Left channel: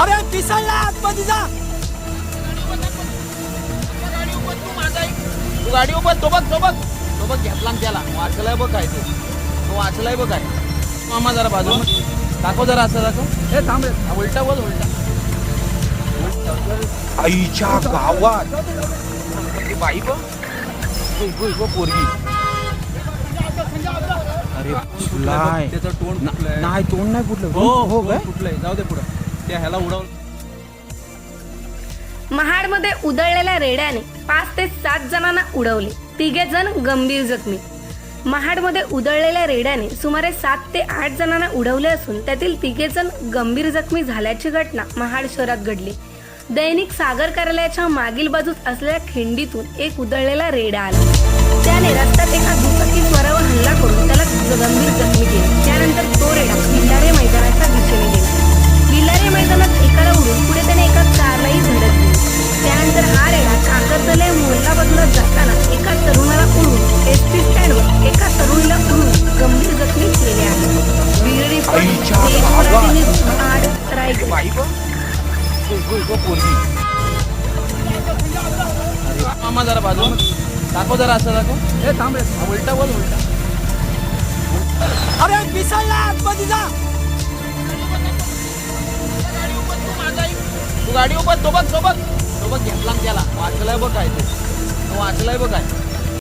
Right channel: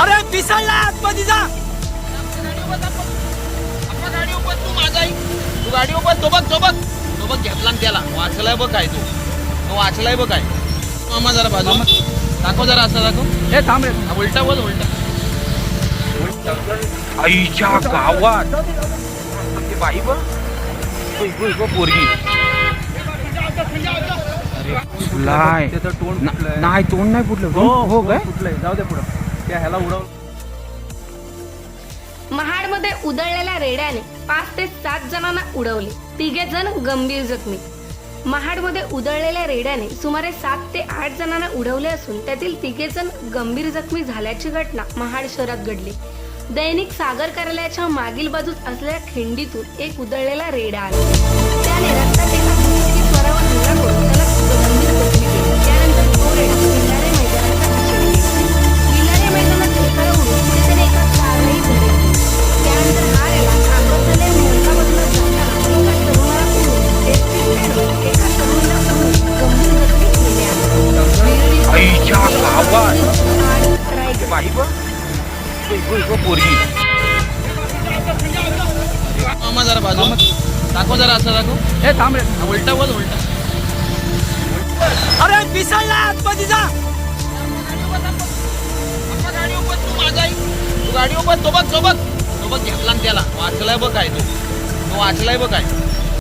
अरे पिसळला आतमध्ये जा. गाडी उभं तू माझा ऐक. तू गाडी उभं तो बघ. तो बघ तो बघ घेतला ना त्याला वाचलाय बघ काय तो तो वाचलाय बघ काय मामा जरा बाजू दाखव जरा असं दाखव हे थांब रे उलटा बोल उलटा आईच्या गावात ती बाई बघ पोरगी अरे तोंड फुटलंय. नाही तोंड नाही फुटलं. हो हो काय कुठलंय जाऊ दे पुढं. त्या ह्याला उडवलं महाडमध्ये उधळलेल्या रेड्याने पाच ते सात जणांना उडवले. तिघे जण गंभीर जखमी. महाडमध्ये उधळलेल्या रेड्याने सुमारे सात ते आठ जणांना उडवले असून त्यातील तिघे जण गंभीर जखमी झाल्याची घटना महाड शहरात घडली. दैनिक सागर कार्यालयाच्या मागील बाजूस असलेल्या खिंडीतून एक उधळलेला रेडा आला. आईच्या गावात. इगो पोरगी. मामा जरा बाजू दाखव जरा असं दाखव. हे थांब रे. उलटा बोल उलटा. अरे पिसळला आतमध्ये जा. गाडी उभं तू माझा ऐक. तू गाडी उभं तो बघ तो बघ. तो बघ घेतला त्याला. वाचलाय बघ काय तो. तो वाचलाय बघ काय.